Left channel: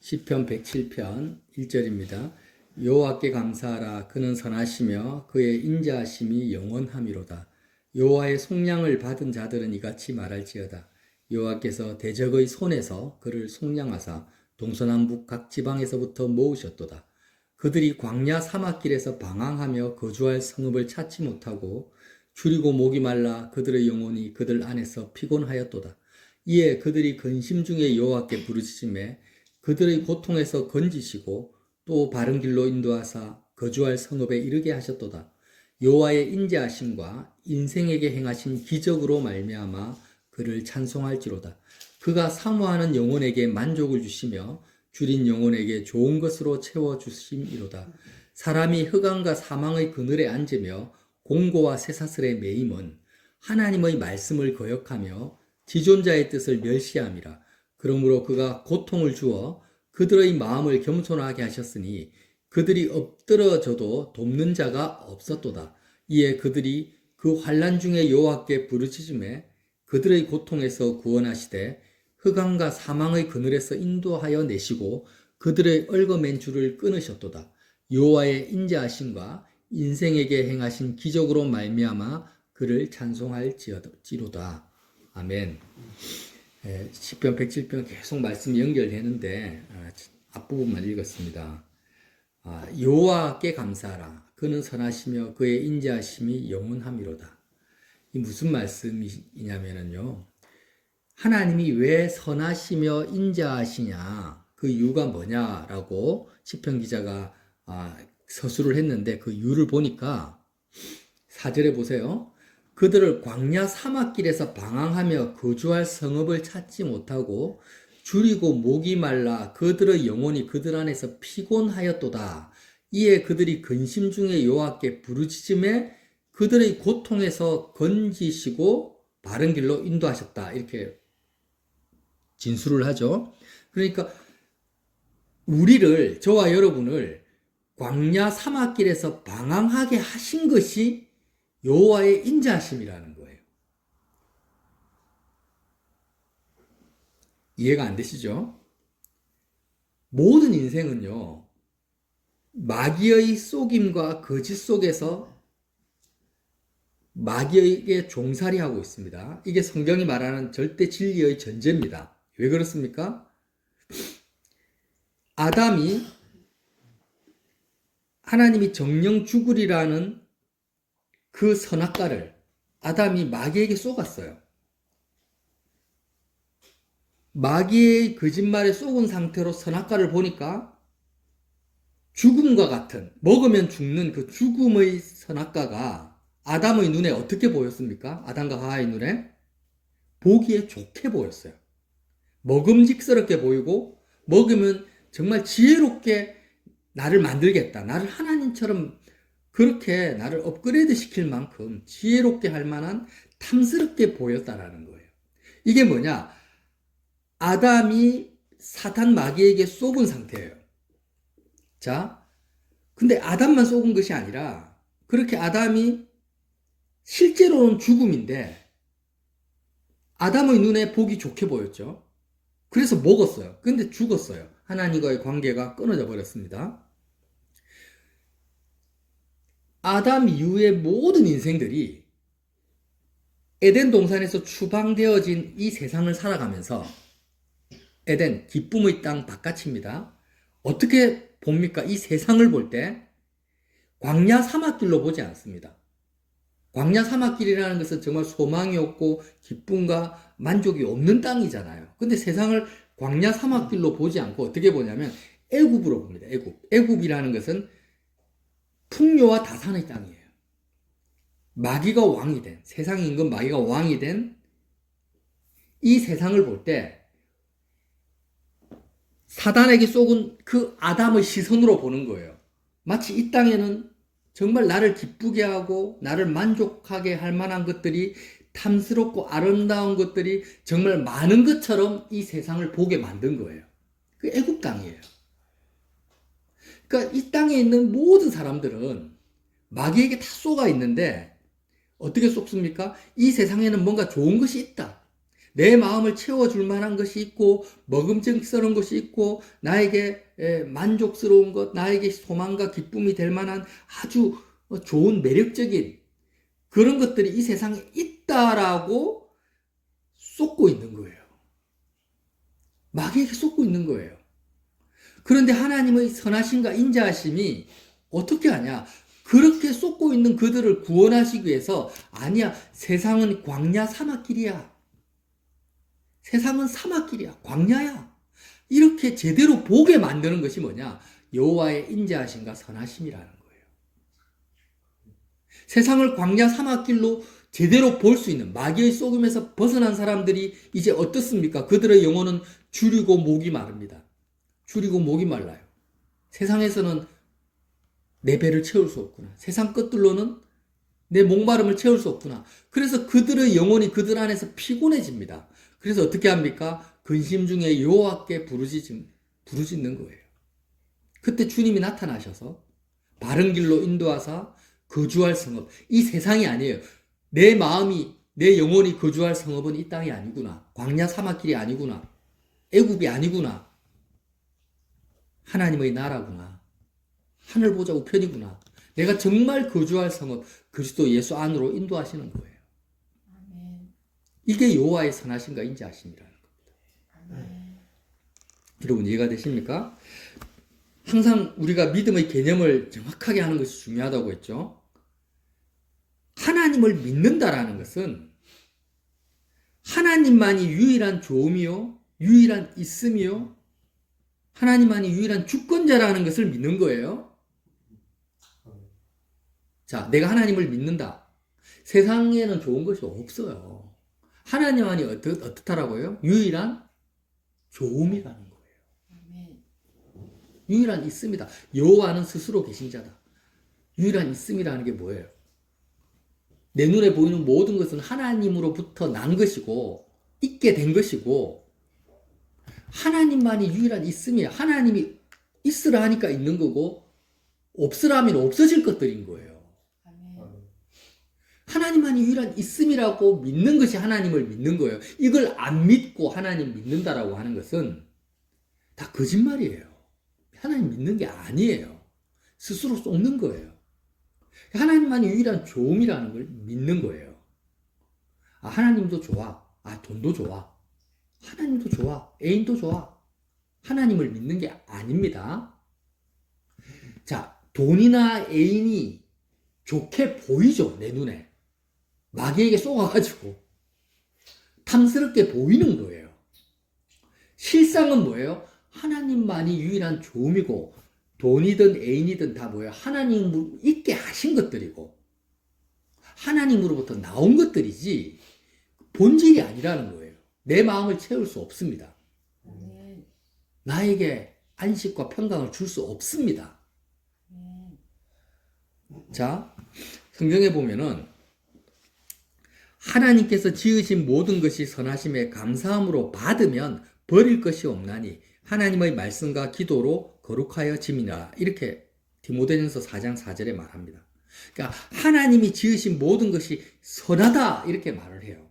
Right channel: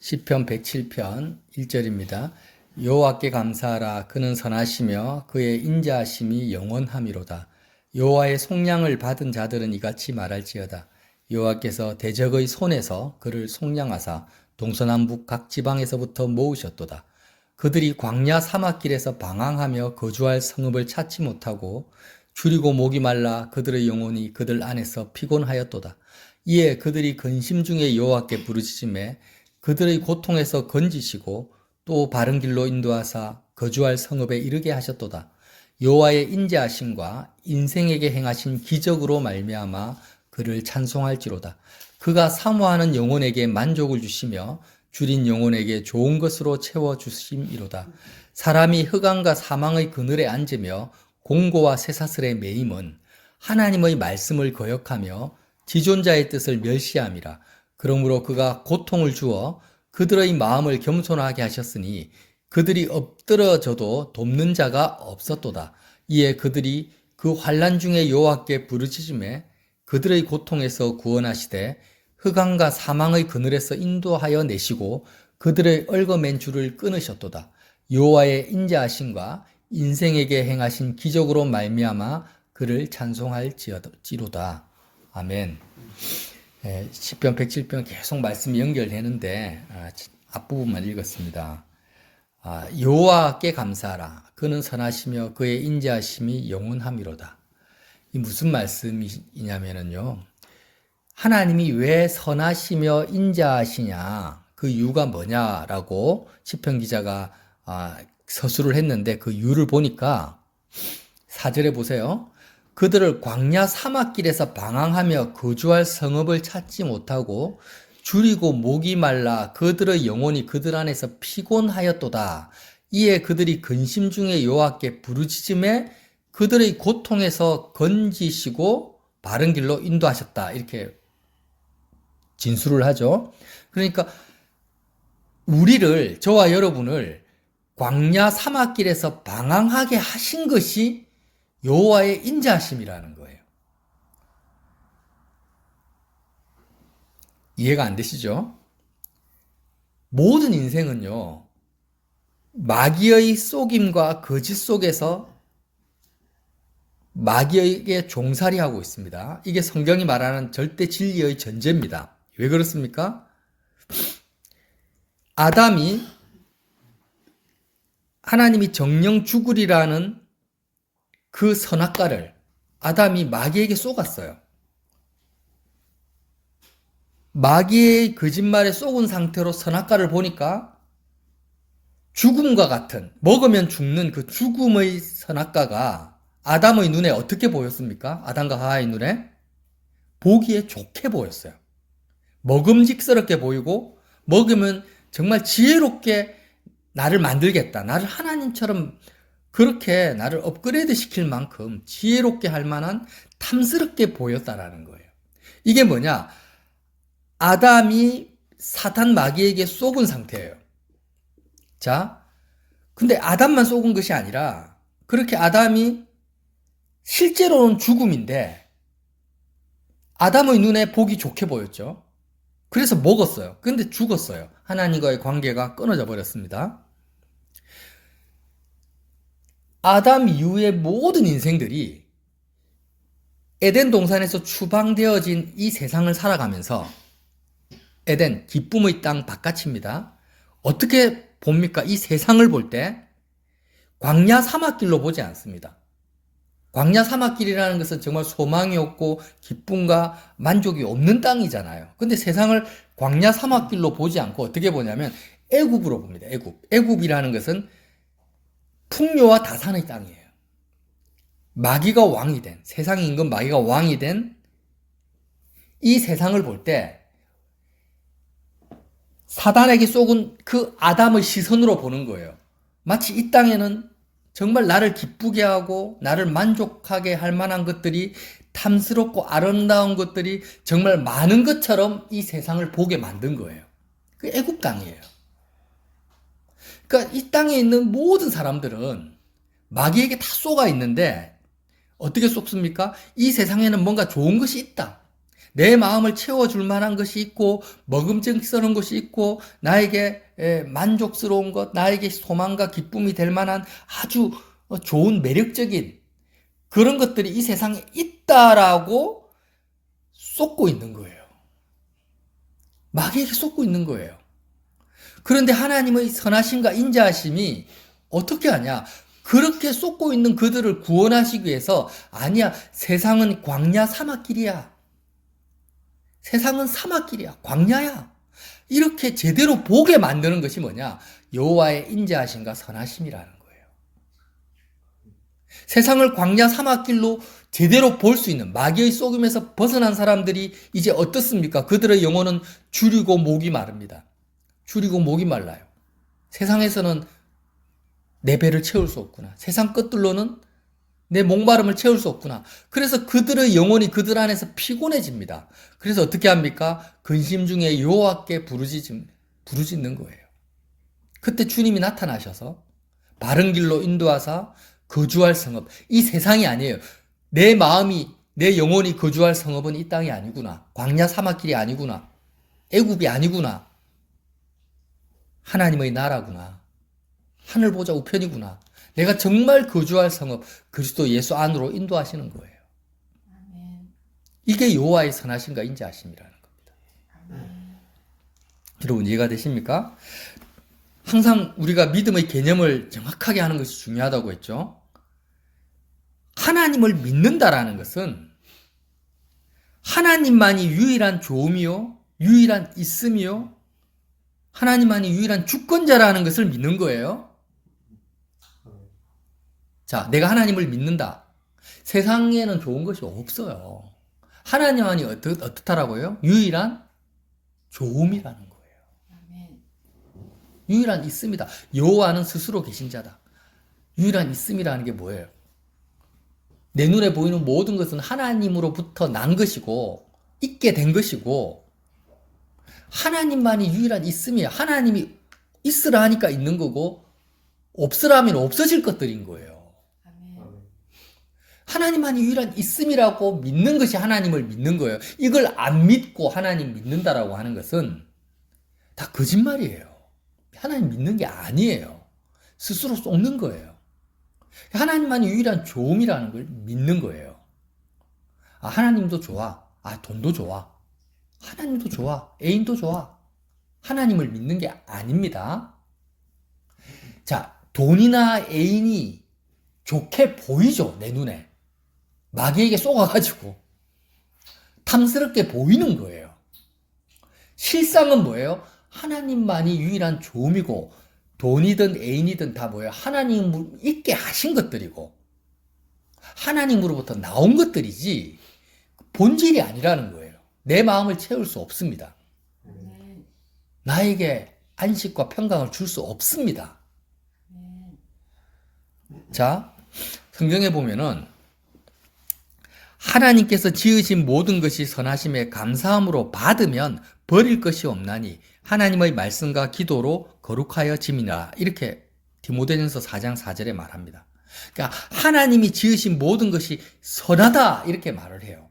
시편 107편 1절입니다. 여호와께 감사하라. 그는 선하시며 그의 인자하심이 영원함이로다. 여호와의 속량을 받은 자들은 이같이 말할지어다. 여호와께서 대적의 손에서 그를 속량하사 동서남북 각 지방에서부터 모으셨도다. 그들이 광야 사막길에서 방황하며 거주할 성읍을 찾지 못하고 줄이고 목이 말라 그들의 영혼이 그들 안에서 피곤하였도다. 이에 그들이 근심 중에 여호와께 부르짖음에 그들의 고통에서 건지시고 또 바른 길로 인도하사 거주할 성읍에 이르게 하셨도다. 여호와의 인자하심과 인생에게 행하신 기적으로 말미암아 그를 찬송할지로다. 그가 사모하는 영혼에게 만족을 주시며 줄인 영혼에게 좋은 것으로 채워주심이로다. 사람이 흑암과 사망의 그늘에 앉으며 공고와 쇠사슬에 매임은 하나님의 말씀을 거역하며 지존자의 뜻을 멸시함이라. 그러므로 그가 고통을 주어 그들의 마음을 겸손하게 하셨으니 그들이 엎드러져도 돕는 자가 없었도다. 이에 그들이 그 환난 중에 여호와께 부르짖음에 그들의 고통에서 구원하시되 흑암과 사망의 그늘에서 인도하여 내시고 그들의 얽어맨 줄을 끊으셨도다. 여호와의 인자하심과 인생에게 행하신 기적으로 말미암아 그를 찬송할지로다. 아멘. 시편 107편 계속 말씀이 연결되는데 앞부분만 읽었습니다. 여호와께 감사하라. 그는 선하시며 그의 인자하심이 영원함이로다. 이 무슨 말씀이냐면요. 하나님이 왜 선하시며 인자하시냐, 그 이유가 뭐냐라고 시편 기자가 서술을 했는데 그 이유를 보니까 4절에 보세요. 그들을 광야 사막길에서 방황하며 거주할 성읍을 찾지 못하고 줄이고 목이 말라 그들의 영혼이 그들 안에서 피곤하였도다. 이에 그들이 근심 중에 여호와께 부르짖음에 그들의 고통에서 건지시고 바른 길로 인도하셨다. 이렇게 진술을 하죠. 그러니까 우리를, 저와 여러분을 광야 사막길에서 방황하게 하신 것이 여호와의 인자하심이라는 거예요. 이해가 안 되시죠? 모든 인생은요, 마귀의 속임과 거짓 속에서 마귀에게 종살이하고 있습니다. 이게 성경이 말하는 절대 진리의 전제입니다. 왜 그렇습니까? 아담이 하나님이 정령 죽으리라는 그 선악과를 아담이 마귀에게 쏘갔어요. 마귀의 거짓말에 쏘은 상태로 선악과를 보니까 죽음과 같은, 먹으면 죽는 그 죽음의 선악과가 아담의 눈에 어떻게 보였습니까? 아담과 하와의 눈에 보기에 좋게 보였어요. 먹음직스럽게 보이고 먹으면 정말 지혜롭게 나를 만들겠다. 나를 하나님처럼 그렇게 나를 업그레이드 시킬 만큼 지혜롭게 할 만한 탐스럽게 보였다라는 거예요. 이게 뭐냐? 아담이 사탄 마귀에게 쏘은 상태예요. 자, 근데 아담만 쏘은 것이 아니라 그렇게 아담이 실제로는 죽음인데 아담의 눈에 보기 좋게 보였죠. 그래서 먹었어요. 근데 죽었어요. 하나님과의 관계가 끊어져 버렸습니다. 아담 이후의 모든 인생들이 에덴 동산에서 추방되어진 이 세상을 살아가면서 에덴, 기쁨의 땅 바깥입니다. 어떻게 봅니까? 이 세상을 볼 때 광야 사막길로 보지 않습니다. 광야 사막길이라는 것은 정말 소망이 없고 기쁨과 만족이 없는 땅이잖아요. 근데 세상을 광야 사막길로 보지 않고 어떻게 보냐면 애굽으로 봅니다. 애굽이라는 것은 풍요와 다산의 땅이에요. 마귀가 왕이 된, 세상의 임금 마귀가 왕이 된 이 세상을 볼 때 사단에게 쏘은 그 아담의 시선으로 보는 거예요. 마치 이 땅에는 정말 나를 기쁘게 하고 나를 만족하게 할 만한 것들이, 탐스럽고 아름다운 것들이 정말 많은 것처럼 이 세상을 보게 만든 거예요. 그 애굽 땅이에요. 그러니까 이 땅에 있는 모든 사람들은 마귀에게 다 쏘가 있는데 어떻게 쏘습니까? 이 세상에는 뭔가 좋은 것이 있다. 내 마음을 채워줄 만한 것이 있고 먹음직스러운 것이 있고 나에게 만족스러운 것, 나에게 소망과 기쁨이 될 만한 아주 좋은 매력적인 그런 것들이 이 세상에 있다라고 쏟고 있는 거예요. 마귀에게 쏟고 있는 거예요. 그런데 하나님의 선하심과 인자하심이 어떻게 하냐? 그렇게 쏟고 있는 그들을 구원하시기 위해서 아니야, 세상은 광야 사막길이야. 세상은 사막길이야. 광야야. 이렇게 제대로 보게 만드는 것이 뭐냐? 여호와의 인자하심과 선하심이라는 거예요. 세상을 광야 사막길로 제대로 볼 수 있는 마귀의 속임에서 벗어난 사람들이 이제 어떻습니까? 그들의 영혼은 줄이고 목이 마릅니다. 줄이고 목이 말라요. 세상에서는 내 배를 채울 수 없구나. 세상 것들로는 내 목마름을 채울 수 없구나. 그래서 그들의 영혼이 그들 안에서 피곤해집니다. 그래서 어떻게 합니까? 근심 중에 여호와께 부르짖는 거예요. 그때 주님이 나타나셔서 바른 길로 인도하사 거주할 성읍. 이 세상이 아니에요. 내 마음이, 내 영혼이 거주할 성읍은 이 땅이 아니구나. 광야 사막길이 아니구나. 애굽이 아니구나. 하나님의 나라구나. 하늘 보좌 우편이구나. 내가 정말 거주할 성읍 그리스도 예수 안으로 인도하시는 거예요. 아멘. 이게 여호와의 선하심과 인자하심이라는 겁니다. 아멘. 여러분 이해가 되십니까? 항상 우리가 믿음의 개념을 정확하게 하는 것이 중요하다고 했죠. 하나님을 믿는다라는 것은 하나님만이 유일한 좋음이요, 유일한 있음이요, 하나님만이 유일한 주권자라는 것을 믿는 거예요. 자, 내가 하나님을 믿는다. 세상에는 좋은 것이 없어요. 하나님만이 어떻다라고요? 유일한 좋음이라는 거예요. 아멘. 유일한 있음이다. 여호와는 스스로 계신 자다. 유일한 있음이라는 게 뭐예요? 내 눈에 보이는 모든 것은 하나님으로부터 난 것이고 있게 된 것이고 하나님만이 유일한 있음이에요. 하나님이 있으라 하니까 있는 거고 없으라 하면 없어질 것들인 거예요. 아멘. 하나님만이 유일한 있음이라고 믿는 것이 하나님을 믿는 거예요. 이걸 안 믿고 하나님 믿는다라고 하는 것은 다 거짓말이에요. 하나님 믿는 게 아니에요. 스스로 쏟는 거예요. 하나님만이 유일한 좋음이라는 걸 믿는 거예요. 아, 하나님도 좋아. 아, 돈도 좋아. 하나님도 좋아. 애인도 좋아. 하나님을 믿는 게 아닙니다. 자, 돈이나 애인이 좋게 보이죠, 내 눈에. 마귀에게 쏘가가지고 탐스럽게 보이는 거예요. 실상은 뭐예요? 하나님만이 유일한 좋음이고 돈이든 애인이든 다 뭐예요? 하나님을 있게 하신 것들이고 하나님으로부터 나온 것들이지 본질이 아니라는 거예요. 내 마음을 채울 수 없습니다. 아멘. 나에게 안식과 평강을 줄 수 없습니다. 아멘. 자, 성경에 보면은 하나님께서 지으신 모든 것이 선하심에 감사함으로 받으면 버릴 것이 없나니 하나님의 말씀과 기도로 거룩하여 짐이라. 이렇게 디모데전서 4장 4절에 말합니다. 그러니까 하나님이 지으신 모든 것이 선하다 이렇게 말을 해요.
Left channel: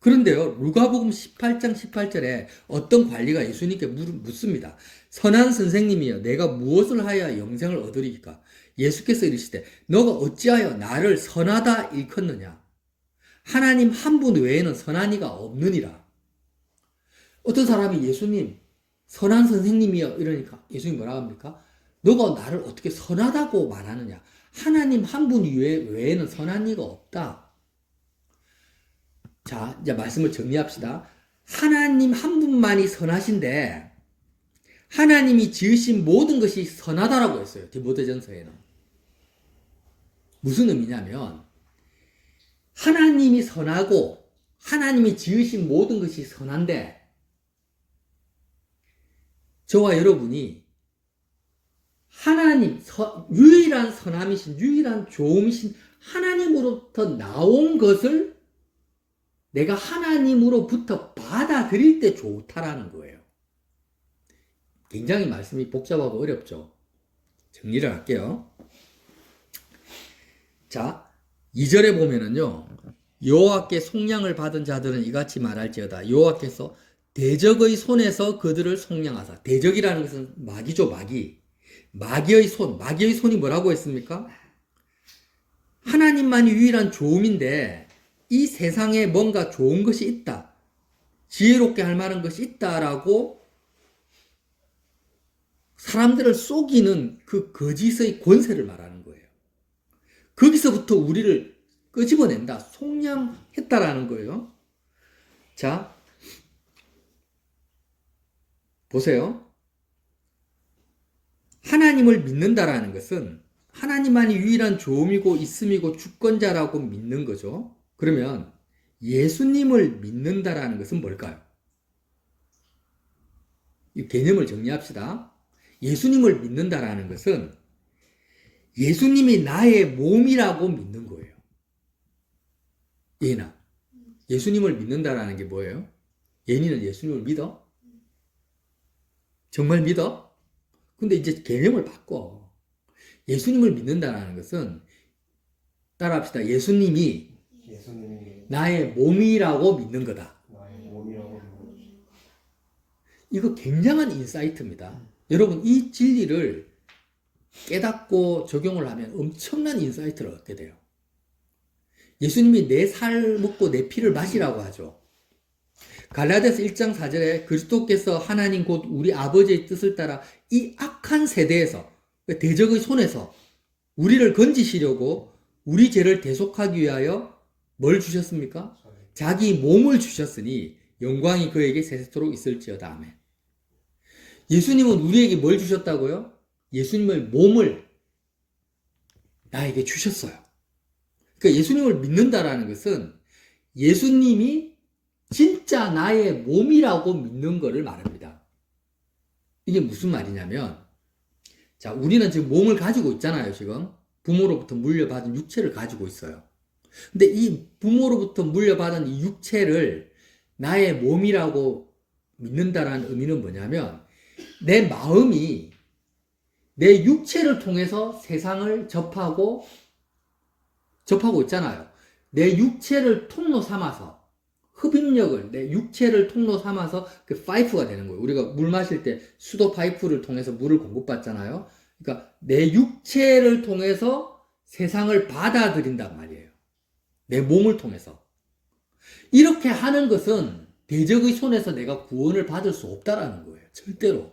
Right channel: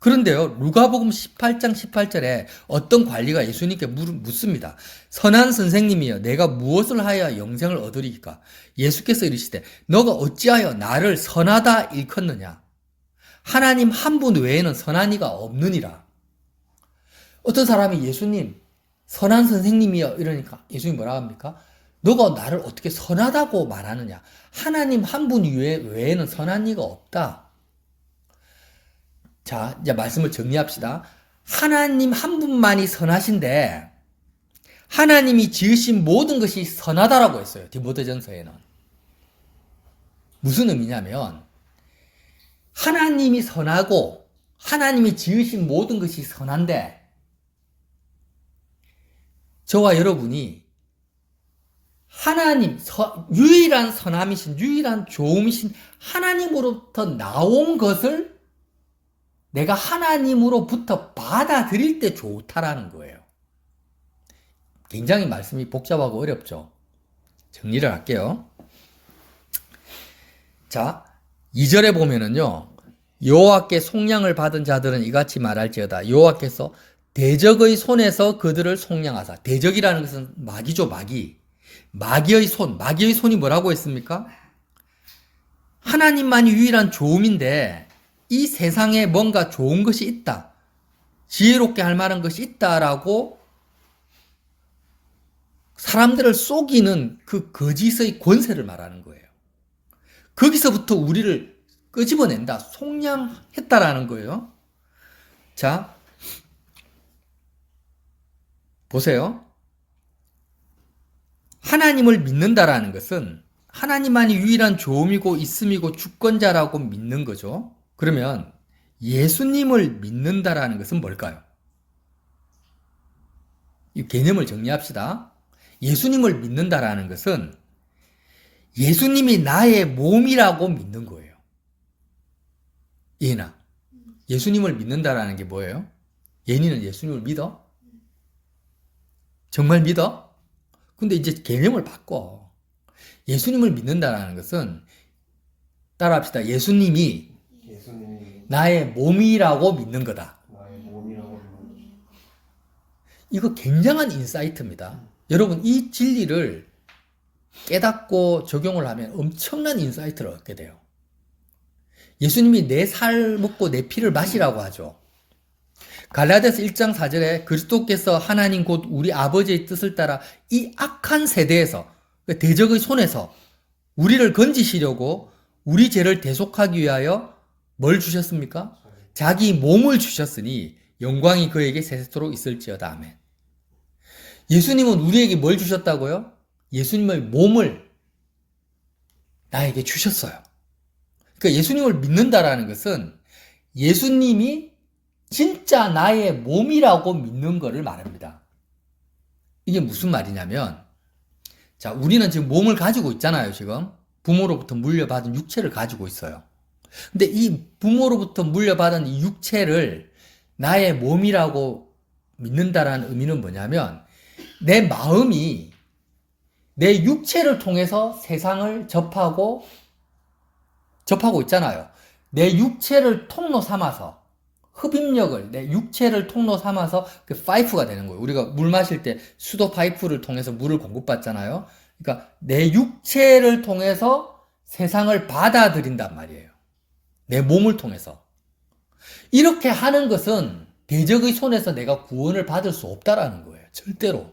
그런데요, 누가복음 18장 18절에 어떤 관리가 예수님께 묻습니다. 선한 선생님이여, 내가 무엇을 하여 영생을 얻으리까? 예수께서 이르시되 너가 어찌하여 나를 선하다 일컫느냐? 하나님 한 분 외에는 선한 이가 없느니라. 어떤 사람이 예수님 선한 선생님이여 이러니까 예수님이 뭐라 합니까? 너가 나를 어떻게 선하다고 말하느냐? 하나님 한 분 외에는 선한 이가 없다. 자, 이제 말씀을 정리합시다. 하나님 한 분만이 선하신데 하나님이 지으신 모든 것이 선하다라고 했어요. 디모데전서에는. 무슨 의미냐면 하나님이 선하고 하나님이 지으신 모든 것이 선한데 저와 여러분이 하나님, 유일한 선함이신, 유일한 좋음이신 하나님으로부터 나온 것을 내가 하나님으로부터 받아들일 때 좋다라는 거예요. 굉장히 말씀이 복잡하고 어렵죠. 정리를 할게요. 자, 2절에 보면은요, 여호와께 속량을 받은 자들은 이같이 말할지어다. 여호와께서 대적의 손에서 그들을 속량하사. 대적이라는 것은 마귀죠, 마귀. 마귀의 손. 마귀의 손이 뭐라고 했습니까? 하나님만이 유일한 좋음인데 이 세상에 뭔가 좋은 것이 있다. 지혜롭게 할 만한 것이 있다라고 사람들을 속이는 그 거짓의 권세를 말하는 거예요. 거기서부터 우리를 끄집어낸다. 속량했다라는 거예요. 자, 보세요. 하나님을 믿는다라는 것은 하나님만이 유일한 좋음이고 있음이고 주권자라고 믿는 거죠. 그러면 예수님을 믿는다라는 것은 뭘까요? 이 개념을 정리합시다. 예수님을 믿는다라는 것은 예수님이 나의 몸이라고 믿는 거예요. 예나, 예수님을 믿는다라는 게 뭐예요? 예니는 예수님을 믿어? 정말 믿어? 근데 이제 개념을 바꿔. 예수님을 믿는다라는 것은 따라합시다. 예수님이 나의 몸이라고 믿는 거다. 이거 굉장한 인사이트입니다. 여러분, 이 진리를 깨닫고 적용을 하면 엄청난 인사이트를 얻게 돼요. 예수님이 내 살 먹고 내 피를 마시라고 하죠. 갈라디아서 1장 4절에 그리스도께서 하나님 곧 우리 아버지의 뜻을 따라 이 악한 세대에서, 대적의 손에서 우리를 건지시려고 우리 죄를 대속하기 위하여 뭘 주셨습니까? 자기 몸을 주셨으니 영광이 그에게 세세토록 있을지어다. 아멘. 예수님은 우리에게 뭘 주셨다고요? 예수님의 몸을 나에게 주셨어요. 그러니까 예수님을 믿는다라는 것은 예수님이 진짜 나의 몸이라고 믿는 것을 말합니다. 이게 무슨 말이냐면, 자, 우리는 지금 몸을 가지고 있잖아요, 지금. 부모로부터 물려받은 육체를 가지고 있어요. 근데 이 부모로부터 물려받은 이 육체를 나의 몸이라고 믿는다라는 의미는 뭐냐면, 내 마음이 내 육체를 통해서 세상을 접하고 있잖아요. 내 육체를 통로 삼아서, 흡입력을 내 육체를 통로 삼아서 그 파이프가 되는 거예요. 우리가 물 마실 때 수도 파이프를 통해서 물을 공급받잖아요. 그러니까 내 육체를 통해서 세상을 받아들인단 말이에요. 내 몸을 통해서. 이렇게 하는 것은 대적의 손에서 내가 구원을 받을 수 없다라는 거예요. 절대로.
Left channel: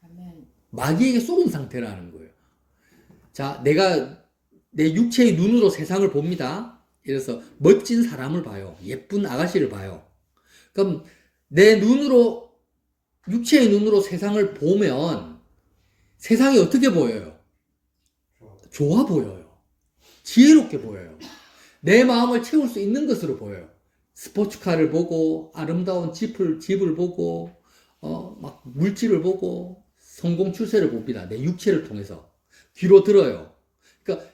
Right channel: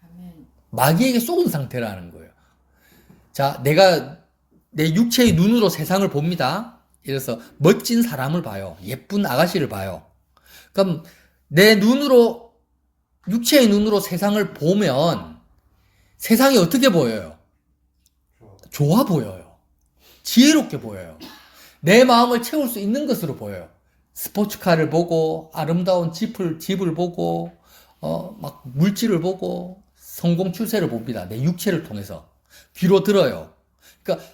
아멘. 마귀에게 속은 상태라는 거예요. 자, 내가 내 육체의 눈으로 세상을 봅니다. 그래서 멋진 사람을 봐요. 예쁜 아가씨를 봐요. 그럼 내 눈으로, 육체의 눈으로 세상을 보면 세상이 어떻게 보여요? 좋아 보여요. 지혜롭게 보여요. 내 마음을 채울 수 있는 것으로 보여요. 스포츠카를 보고, 아름다운 집을 보고, 막 물질을 보고, 성공 출세를 봅니다. 내 육체를 통해서. 귀로 들어요. 그러니까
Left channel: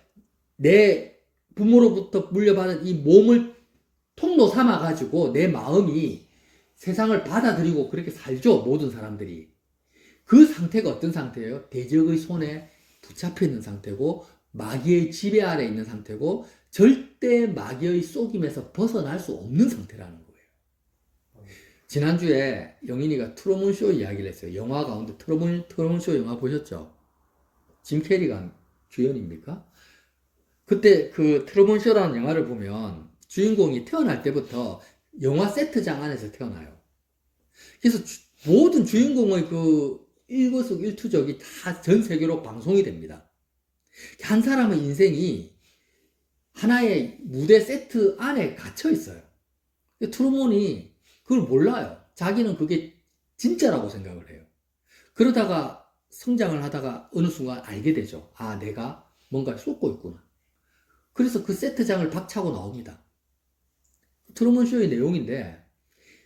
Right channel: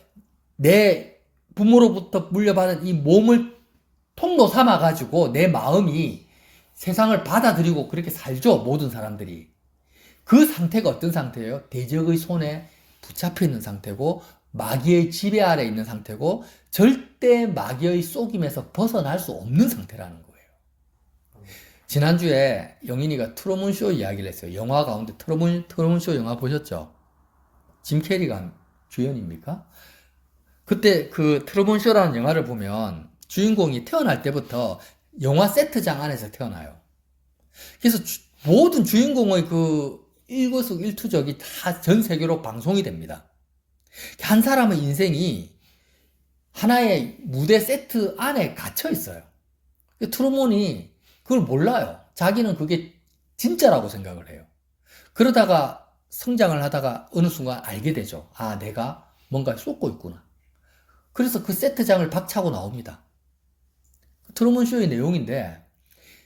내 부모로부터 물려받은 이 몸을 통로 삼아가지고 내 마음이 세상을 받아들이고 그렇게 살죠. 모든 사람들이. 그 상태가 어떤 상태예요? 대적의 손에 붙잡혀 있는 상태고 마귀의 지배 아래 있는 상태고 절대 마귀의 속임에서 벗어날 수 없는 상태라는 거예요. 지난주에 영인이가 트루먼쇼 이야기를 했어요. 영화 가운데 트루먼쇼 영화 보셨죠? 짐 캐리가 주연입니까? 그때 그 트루먼쇼라는 영화를 보면 주인공이 태어날 때부터 영화 세트장 안에서 태어나요. 그래서 모든 주인공의 그 일거수일투족이 다 전 세계로 방송이 됩니다. 한 사람의 인생이 하나의 무대 세트 안에 갇혀 있어요. 트루먼이 그걸 몰라요. 자기는 그게 진짜라고 생각을 해요. 그러다가 성장을 하다가 어느 순간 알게 되죠. 아, 내가 뭔가 쏟고 있구나. 그래서 그 세트장을 박차고 나옵니다. 트루먼쇼의 내용인데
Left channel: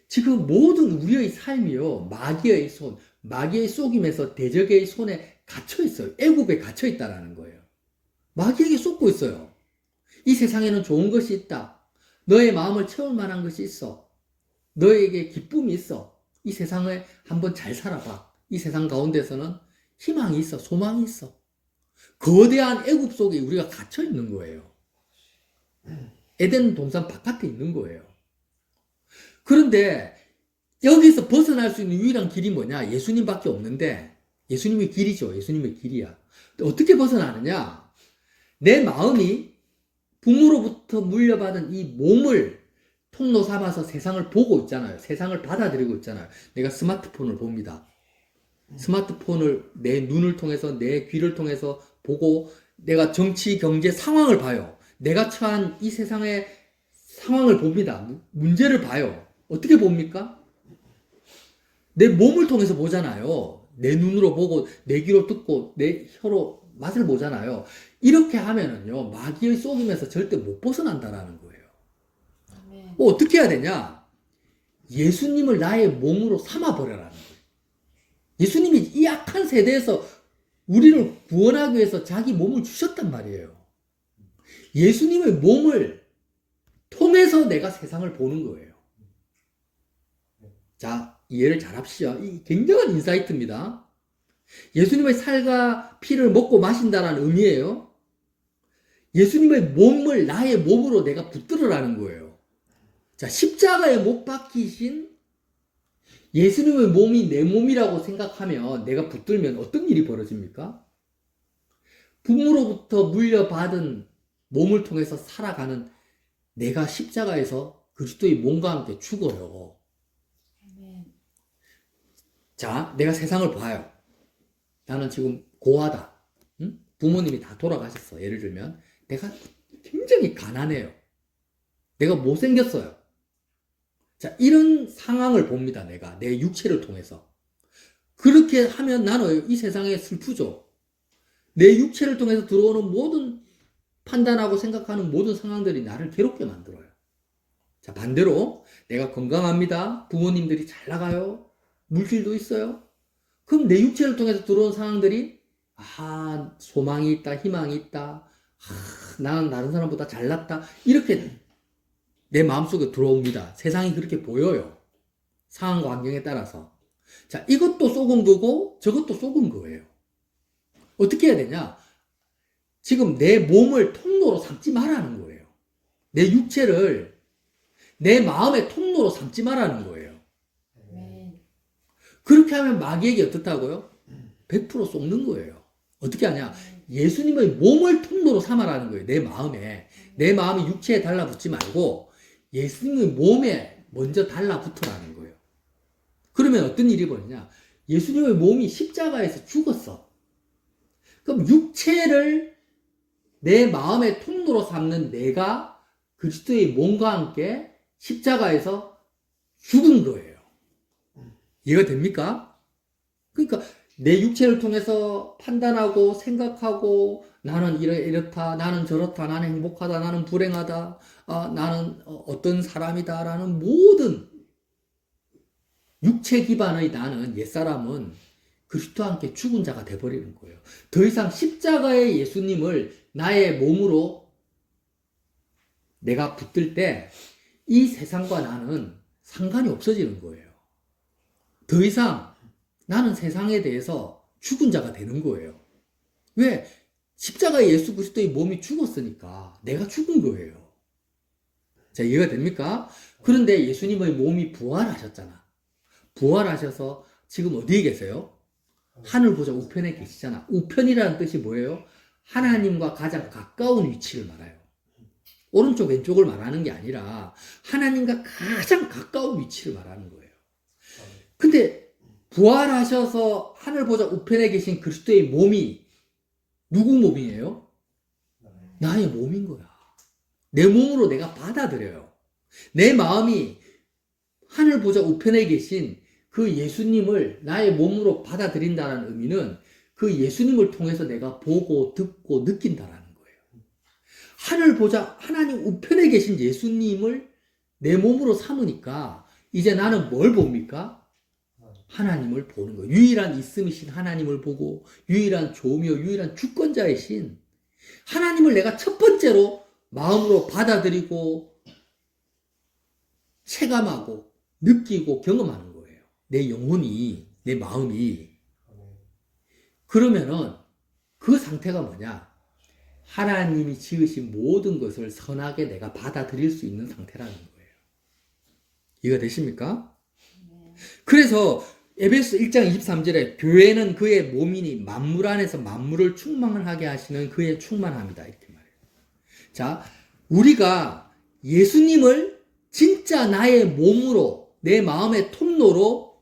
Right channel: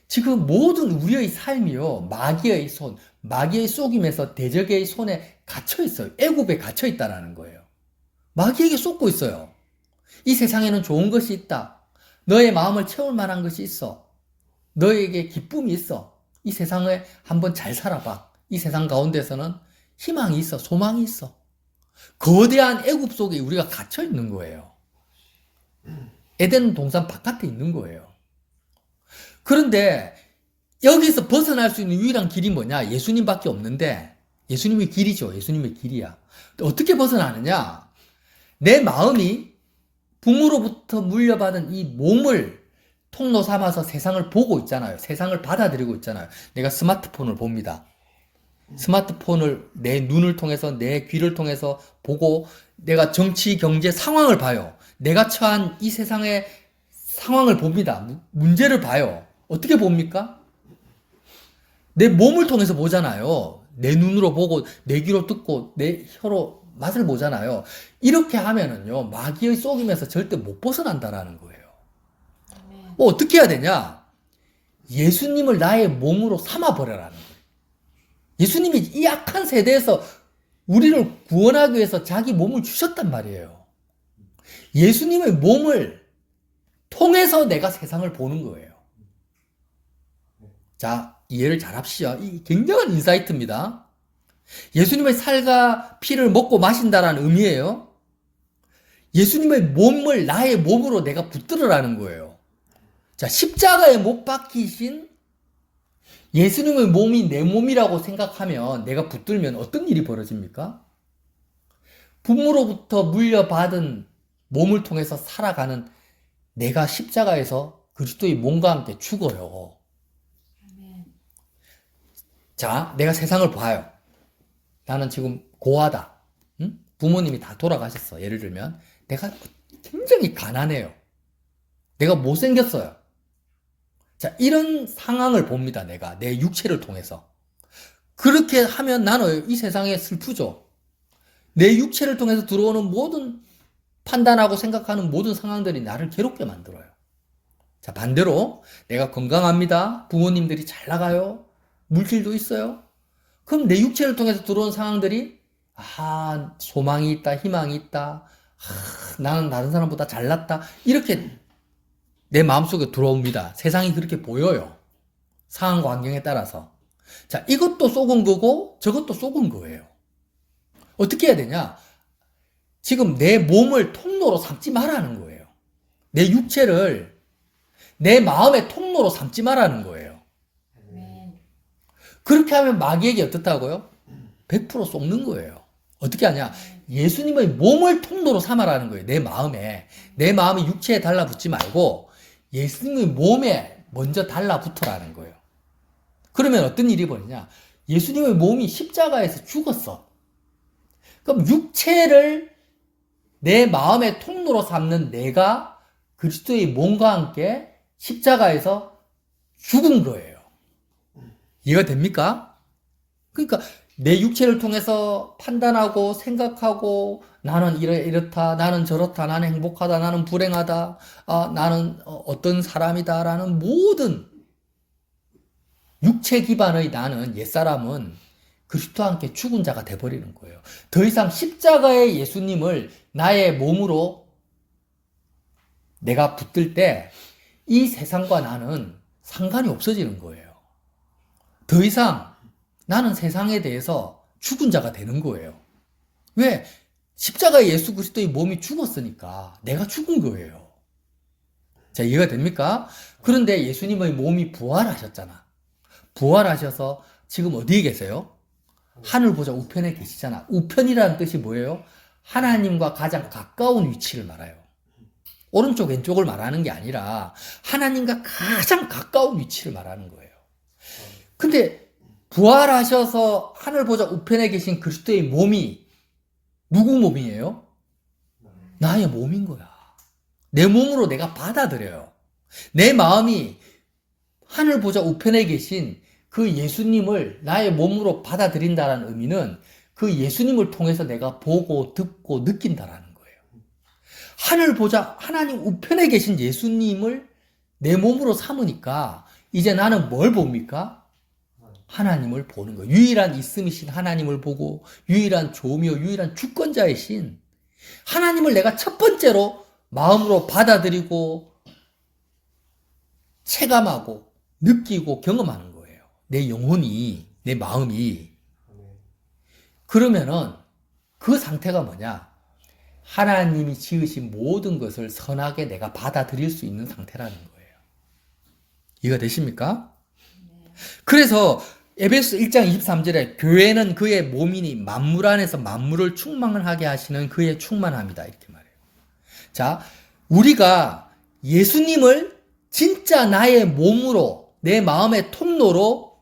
지금 모든 우리의 삶이요, 마귀의 손, 마귀의 속임에서 대적의 손에 갇혀 있어요. 애굽에 갇혀 있다는 거예요. 마귀에게 쏟고 있어요. 이 세상에는 좋은 것이 있다. 너의 마음을 채울 만한 것이 있어. 너에게 기쁨이 있어. 이 세상에 한번 잘 살아봐. 이 세상 가운데서는 희망이 있어. 소망이 있어. 거대한 애굽 속에 우리가 갇혀 있는 거예요. 에덴 동산 바깥에 있는 거예요. 그런데 여기서 벗어날 수 있는 유일한 길이 뭐냐? 예수님밖에 없는데 예수님의 길이죠. 예수님의 길이야. 어떻게 벗어나느냐? 내 마음이 부모로부터 물려받은 이 몸을 통로 삼아서 세상을 보고 있잖아요. 세상을 받아들이고 있잖아요. 내가 스마트폰을 봅니다. 스마트폰을 내 눈을 통해서 내 귀를 통해서 보고 내가 정치, 경제 상황을 봐요. 내가 처한 이 세상의 상황을 봅니다. 문제를 봐요. 어떻게 봅니까? 내 몸을 통해서 보잖아요. 내 눈으로 보고 내 귀로 듣고 내 혀로 맛을 보잖아요. 이렇게 하면은요, 마귀의 속임에서 절대 못 벗어난다라는 거예요. 아멘. 뭐 어떻게 해야 되냐? 예수님을 나의 몸으로 삼아버려라는 거예요. 예수님이 이 악한 세대에서 우리를 구원하기 위해서 자기 몸을 주셨단 말이에요. 예수님의 몸을 통해서 내가 세상을 보는 거예요. 자, 이해를 잘 합시다. 이 굉장한 인사이트입니다. 예수님의 살과 피를 먹고 마신다라는 의미예요. 예수님의 몸을 나의 몸으로 내가 붙들으라는 거예요. 자, 십자가에 못 박히신 예수님의 몸이 내 몸이라고 생각하면 내가 붙들면 어떤 일이 벌어집니까? 부모로부터 물려받은 몸을 통해서 살아가는 내가 십자가에서 그리스도의 몸과 함께 죽어요. 아멘. 자, 내가 세상을 봐요. 나는 지금 고아다. 응? 부모님이 다 돌아가셨어. 예를 들면 내가 굉장히 가난해요. 내가 못생겼어요. 자, 이런 상황을 봅니다. 내가 내 육체를 통해서. 그렇게 하면 나는 이 세상에 슬프죠. 내 육체를 통해서 들어오는 모든 판단하고 생각하는 모든 상황들이 나를 괴롭게 만들어요. 자, 반대로 내가 건강합니다. 부모님들이 잘 나가요. 물질도 있어요. 그럼 내 육체를 통해서 들어온 상황들이 소망이 있다, 희망이 있다. 나는 다른 사람보다 잘났다. 이렇게 내 마음속에 들어옵니다. 세상이 그렇게 보여요. 상황과 환경에 따라서. 자, 이것도 쏘은 거고 저것도 쏘은 거예요. 어떻게 해야 되냐? 지금 내 몸을 통로로 삼지 말라는 거예요. 내 육체를 내 마음의 통로로 삼지 말라는 거예요. 아멘. 그렇게 하면 마귀에게 어떻다고요? 100% 쏘는 거예요. 어떻게 하냐? 예수님의 몸을 통로로 삼아라는 거예요. 내 마음에. 내 마음이 육체에 달라붙지 말고 예수님의 몸에 먼저 달라붙어라는 거예요. 그러면 어떤 일이 벌어지냐? 예수님의 몸이 십자가에서 죽었어. 그럼 육체를 내 마음의 통로로 삼는 내가 그리스도의 몸과 함께 십자가에서 죽은 거예요. 이해가 됩니까? 그러니까 내 육체를 통해서 판단하고 생각하고 나는 이렇다, 나는 저렇다, 나는 행복하다, 나는 불행하다, 나는 어떤 사람이다 라는 모든 육체 기반의 나는 옛사람은 그리스도와 함께 죽은 자가 돼버리는 거예요. 더 이상 십자가의 예수님을 나의 몸으로 내가 붙들 때 이 세상과 나는 상관이 없어지는 거예요. 더 이상 나는 세상에 대해서 죽은 자가 되는 거예요. 왜? 십자가에 예수 그리스도의 몸이 죽었으니까 내가 죽은 거예요. 자, 이해가 됩니까? 그런데 예수님의 몸이 부활하셨잖아. 부활하셔서 지금 어디에 계세요? 하늘 보좌 우편에 계시잖아. 우편이라는 뜻이 뭐예요? 하나님과 가장 가까운 위치를 말해요. 오른쪽 왼쪽을 말하는 게 아니라 하나님과 가장 가까운 위치를 말하는 거예요. 근데 부활하셔서 하늘 보좌 우편에 계신 그리스도의 몸이 누구 몸이에요? 나의 몸인 거야. 내 몸으로 내가 받아들여요. 내 마음이 하늘 보좌 우편에 계신 그 예수님을 나의 몸으로 받아들인다는 의미는 그 예수님을 통해서 내가 보고 듣고 느낀다라는 거예요. 하늘 보좌 하나님 우편에 계신 예수님을 내 몸으로 삼으니까 이제 나는 뭘 봅니까? 하나님을 보는 거예요. 유일한 있음이신 하나님을 보고 유일한 조미요 유일한 주권자이신 하나님을 내가 첫 번째로 마음으로 받아들이고 체감하고 느끼고 경험하는 거예요. 내 영혼이, 내 마음이. 그러면은 그 상태가 뭐냐? 하나님이 지으신 모든 것을 선하게 내가 받아들일 수 있는 상태라는 거예요. 이해가 되십니까? 그래서 에베소 1장 23절에 교회는 그의 몸이니 만물 안에서 만물을 충만하게 하시는 그의 충만함이다. 이렇게 말해요. 자, 우리가 예수님을 진짜 나의 몸으로 내 마음의 통로로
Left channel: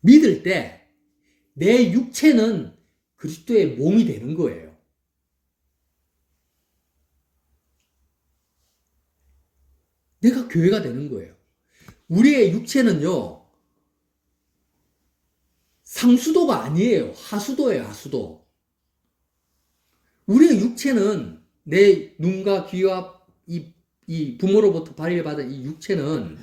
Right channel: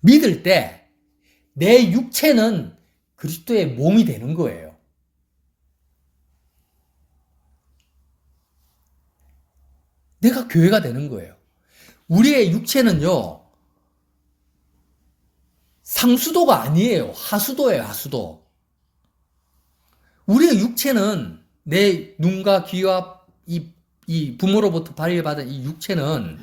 믿을 때 내 육체는 그리스도의 몸이 되는 거예요. 내가 교회가 되는 거예요. 우리의 육체는요, 상수도가 아니에요. 하수도예요, 하수도. 우리의 육체는 내 눈과 귀와 이 부모로부터 발려받은 이 육체는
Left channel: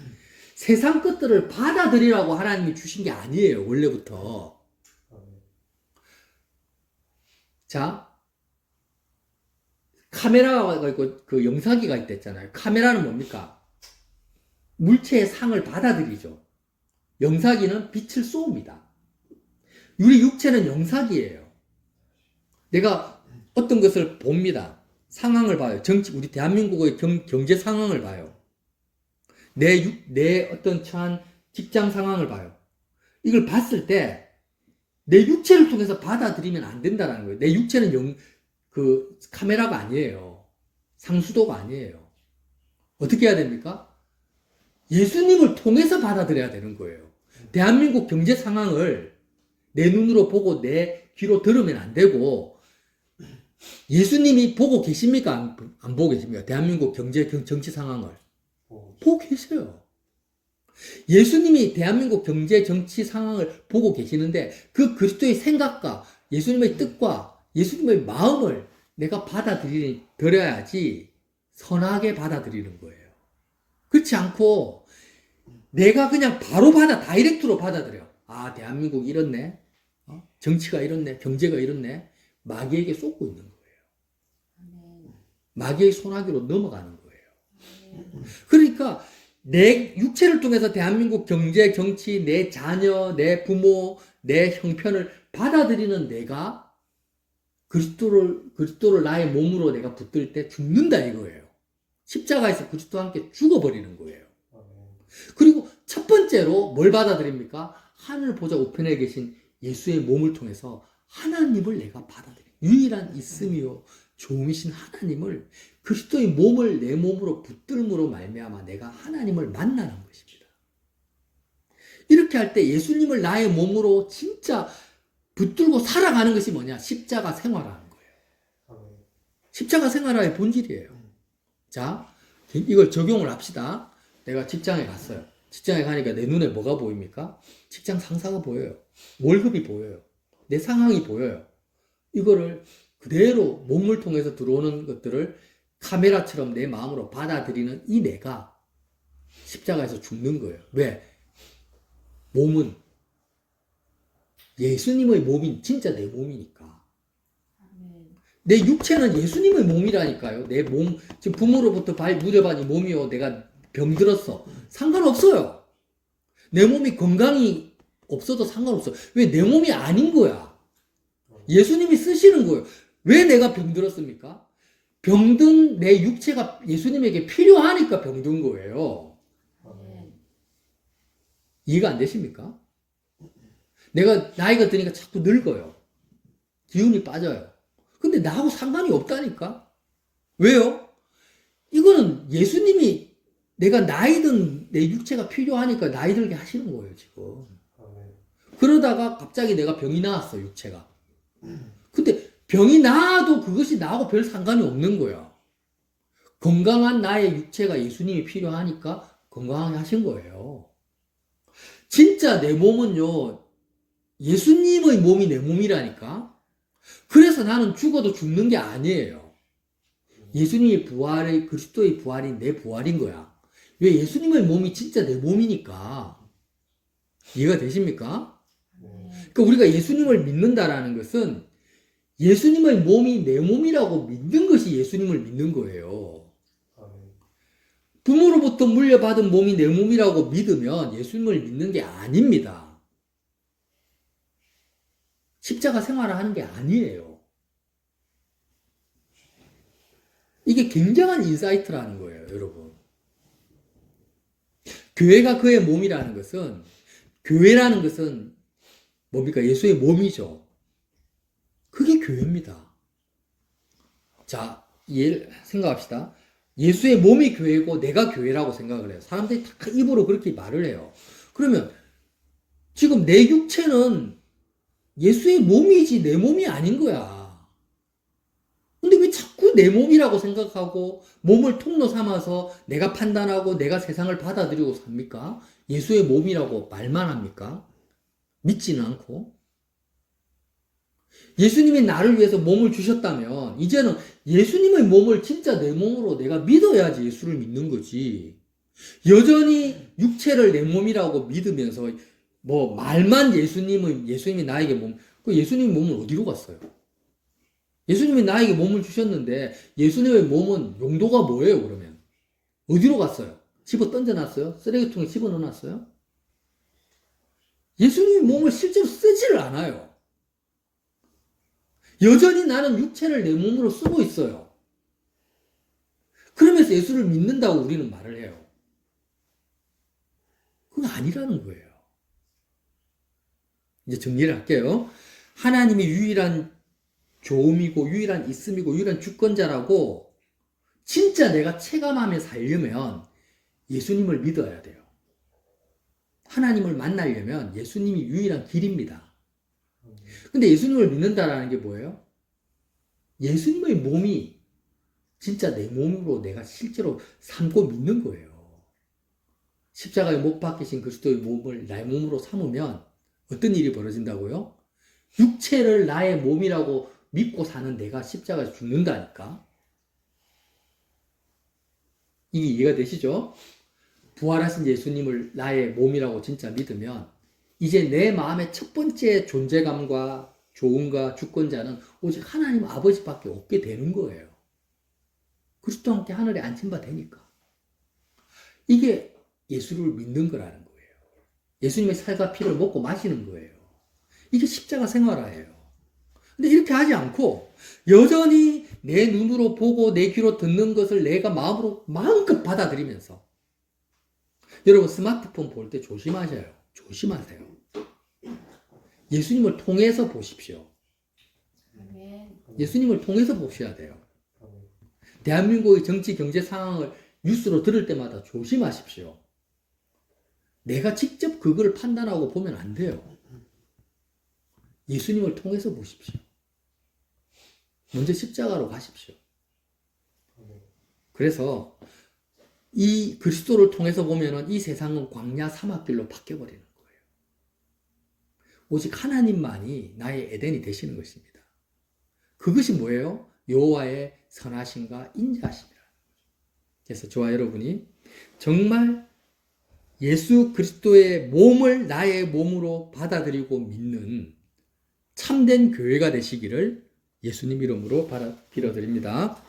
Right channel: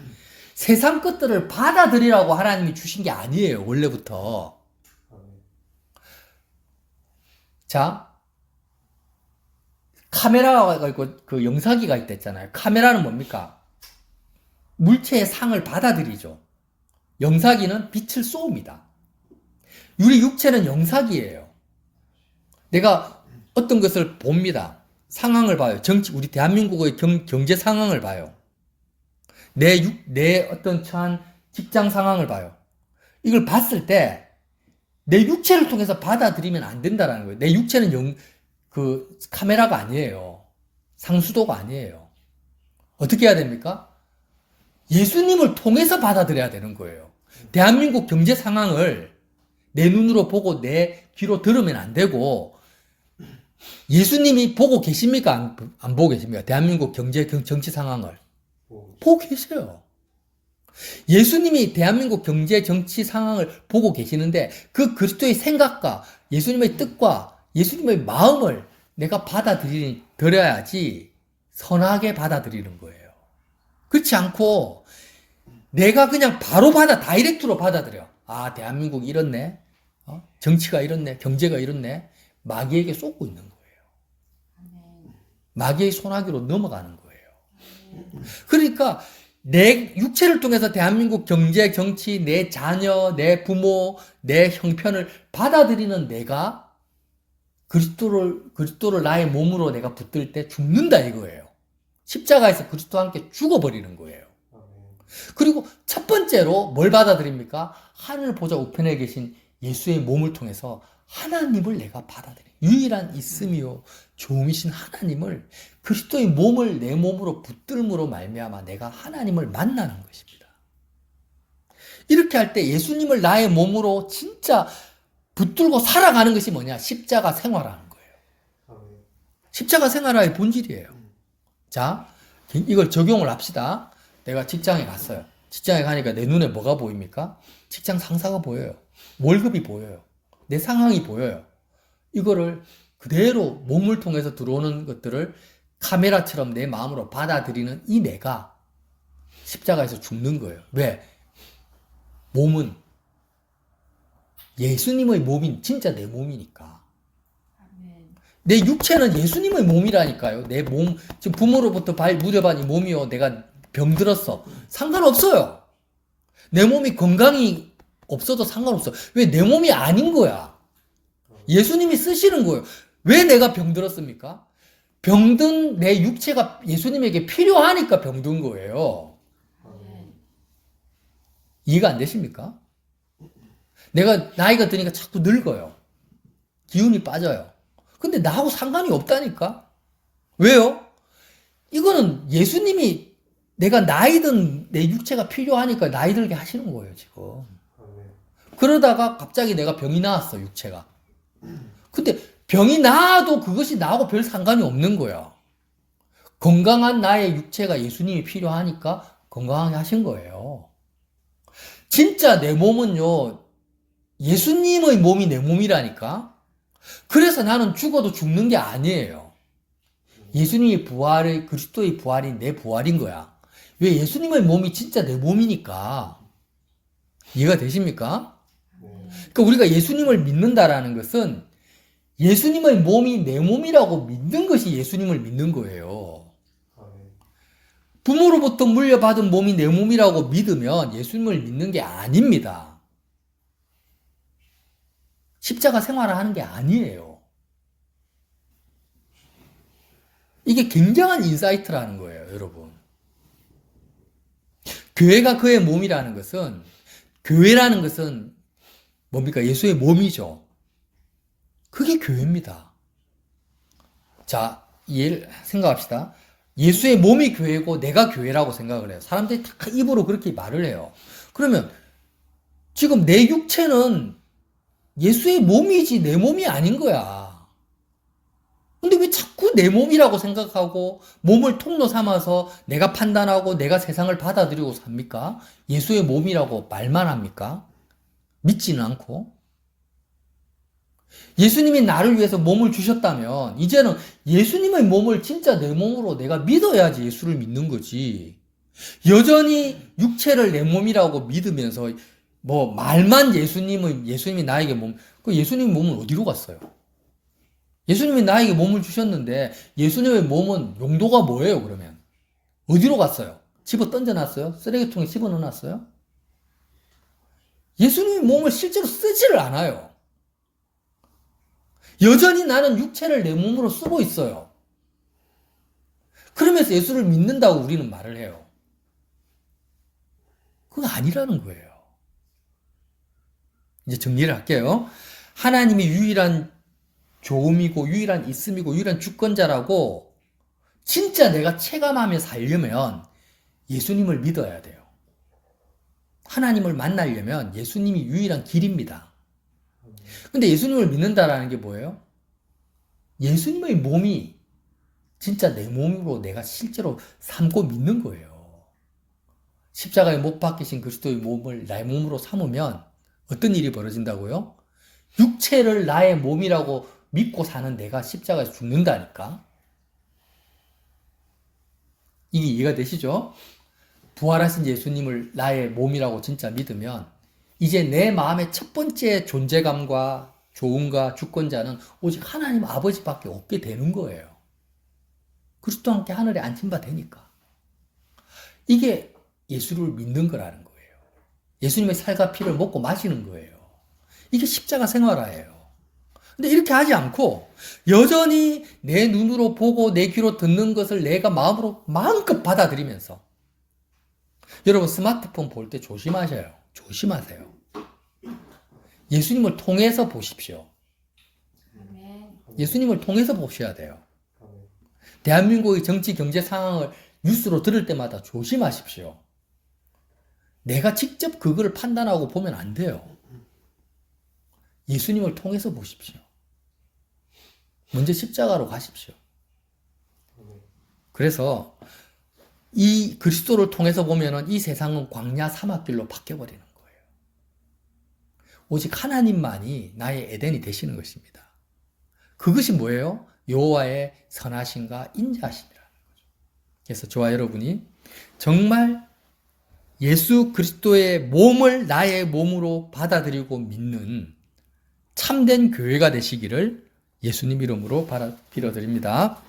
세상 것들을 받아들이라고 하나님이 주신 게 아니에요, 원래부터. 자, 카메라가 있고 그 영상기가 있댔잖아요. 카메라는 뭡니까? 물체의 상을 받아들이죠. 영상기는 빛을 쏘옵니다. 우리 육체는 영상기예요. 내가 어떤 것을 봅니다. 상황을 봐요. 우리 대한민국의 경제 상황을 봐요. 내 어떤 처한 직장 상황을 봐요. 이걸 봤을 때 내 육체를 통해서 받아들이면 안 된다는 거예요. 내 육체는 그 카메라가 아니에요. 상수도가 아니에요. 어떻게 해야 됩니까? 예수님을 통해서 받아들여야 되는 거예요. 대한민국 경제 상황을 내 눈으로 보고 내 귀로 들으면 안 되고, 예수님이 보고 계십니까? 안 보고 계십니까? 대한민국 정치 상황을. 보고 계세요. 예수님이 대한민국 경제 정치 상황을 보고 계시는데 그 그리스도의 생각과 예수님의 뜻과 예수님의 마음을 내가 받아들여야지 선하게 받아들이는 거예요. 그렇지 않고 내가 그냥 바로 다이렉트로 받아들여. 아, 대한민국이 이렇네. 정치가 이렇네. 경제가 이렇네. 마귀에게 쏟고 있는 거예요. 마귀의 손아귀로 넘어가는 거예요. 그러니까 내 육체를 통해서 대한민국 경제, 정치, 내 자녀, 내 부모, 내 형편을 받아들이는 내가 그리스도를 나의 몸으로 내가 붙들 때 죽는다 이거예요. 십자가에서 그리스도와 함께 죽어버리는 거예요. 그리고 첫 번째로 뭘 받아들입니까? 하늘 보좌 우편에 계신 예수의 몸을 통해서 하나님을 내가 받아들여. 유일한 있음이요 좋으신 하나님을, 그리스도의 몸을 내 몸으로 붙들므로 말미암아 내가 하나님을 만나는 것입니다. 이렇게 할 때 예수님을 나의 몸으로 진짜 붙들고 살아가는 것이 뭐냐? 십자가 생활하는 거예요. 십자가 생활의 본질이에요. 자, 이걸 적용을 합시다. 내가 직장에 갔어요. 직장에 가니까 내 눈에 뭐가 보입니까? 직장 상사가 보여요. 월급이 보여요. 내 상황이 보여요. 이거를 그대로 몸을 통해서 들어오는 것들을 카메라처럼 내 마음으로 받아들이는 이 내가 십자가에서 죽는 거예요. 왜? 몸은 예수님의 몸인 진짜 내 몸이니까. 내 육체는 예수님의 몸이라니까요. 내 몸, 지금 부모로부터 물려받은 이 몸이요. 내가 병들었어. 상관없어요. 내 몸이 건강이 없어도 상관없어요. 왜? 내 몸이 아닌 거야. 예수님이 쓰시는 거예요. 왜 내가 병들었습니까? 병든 내 육체가 예수님에게 필요하니까 병든 거예요. 이해가 안 되십니까? 내가 나이가 드니까 자꾸 늙어요. 기운이 빠져요. 근데 나하고 상관이 없다니까? 왜요? 이거는 예수님이 내가 나이 든 내 육체가 필요하니까 나이 들게 하시는 거예요, 지금. 그러다가 갑자기 내가 병이 나왔어, 육체가. 근데 병이 나아도 그것이 나하고 별 상관이 없는 거야. 건강한 나의 육체가 예수님이 필요하니까 건강하게 하신 거예요. 진짜 내 몸은요, 예수님의 몸이 내 몸이라니까? 그래서 나는 죽어도 죽는 게 아니에요. 예수님의 부활의, 그리스도의 부활이 내 부활인 거야. 왜? 예수님의 몸이 진짜 내 몸이니까. 이해가 되십니까? 그러니까 우리가 예수님을 믿는다라는 것은 예수님의 몸이 내 몸이라고 믿는 것이 예수님을 믿는 거예요. 부모로부터 물려받은 몸이 내 몸이라고 믿으면 예수님을 믿는 게 아닙니다. 십자가 생활을 하는 게 아니에요. 굉장한 인사이트라는 거예요, 여러분. 교회가 그의 몸이라는 것은, 교회라는 것은 뭡니까? 예수의 몸이죠. 그게 교회입니다. 자, 생각합시다. 예수의 몸이 교회고 내가 교회라고 생각을 해요. 사람들이 다 입으로 그렇게 말을 해요. 그러면 지금 내 육체는 예수의 몸이지 내 몸이 아닌 거야. 근데 왜 자꾸 내 몸이라고 생각하고 몸을 통로 삼아서 내가 판단하고 내가 세상을 받아들이고 삽니까? 예수의 몸이라고 말만 합니까? 믿지는 않고. 예수님이 나를 위해서 몸을 주셨다면 이제는 예수님의 몸을 진짜 내 몸으로 내가 믿어야지 예수를 믿는 거지. 여전히 육체를 내 몸이라고 믿으면서 뭐 말만 예수님이 나에게 그 예수님 몸은 어디로 갔어요? 예수님이 나에게 몸을 주셨는데 예수님의 몸은 용도가 뭐예요, 그러면? 어디로 갔어요? 집어 던져놨어요? 쓰레기통에 집어넣어놨어요? 예수님의 몸을 실제로 쓰지를 않아요. 여전히 나는 육체를 내 몸으로 쓰고 있어요. 그러면서 예수를 믿는다고 우리는 말을 해요. 그건 아니라는 거예요. 이제 정리를 할게요. 하나님이 유일한 교음이고 유일한 있음이고 유일한 주권자라고 진짜 내가 체감하며 살려면 예수님을 믿어야 돼요. 하나님을 만나려면 예수님이 유일한 길입니다. 근데 예수님을 믿는다라는 게 뭐예요? 예수님의 몸이 진짜 내 몸으로 내가 실제로 삼고 믿는 거예요. 십자가에 못 박히신 그리스도의 몸을 나의 몸으로 삼으면 어떤 일이 벌어진다고요? 육체를 나의 몸이라고 믿고 사는 내가 십자가에서 죽는다니까. 이게 이해가 되시죠? 부활하신 예수님을 나의 몸이라고 진짜 믿으면 이제 내 마음의 첫 번째 존재감과 조언과 주권자는 오직 하나님 아버지밖에 없게 되는 거예요. 그리스도와 함께 하늘에 앉힌 바 되니까. 이게 예수를 믿는 거라는 거예요. 예수님의 살과 피를 먹고 마시는 거예요. 이게 십자가 생활화예요. 근데 이렇게 하지 않고 여전히 내 눈으로 보고 내 귀로 듣는 것을 내가 마음으로 마음껏 받아들이면서 여러분 스마트폰 볼 때 조심하세요. 예수님을 통해서 보십시오. 아멘. 예수님을 통해서 보셔야 돼요. 대한민국의 정치 경제 상황을 뉴스로 들을 때마다 조심하십시오. 내가 직접 그걸 판단하고 보면 안 돼요. 예수님을 통해서 보십시오. 먼저 십자가로 가십시오. 그래서 이 그리스도를 통해서 보면은 이 세상은 광야 사막길로 바뀌어버리는 거예요. 오직 하나님만이 나의 에덴이 되시는 것입니다. 그것이 뭐예요? 여호와의 선하심과 인자하심이라는 거죠. 그래서 저와 여러분이 정말 예수 그리스도의 몸을 나의 몸으로 받아들이고 믿는 참된 교회가 되시기를 예수님 이름으로 빌어드립니다.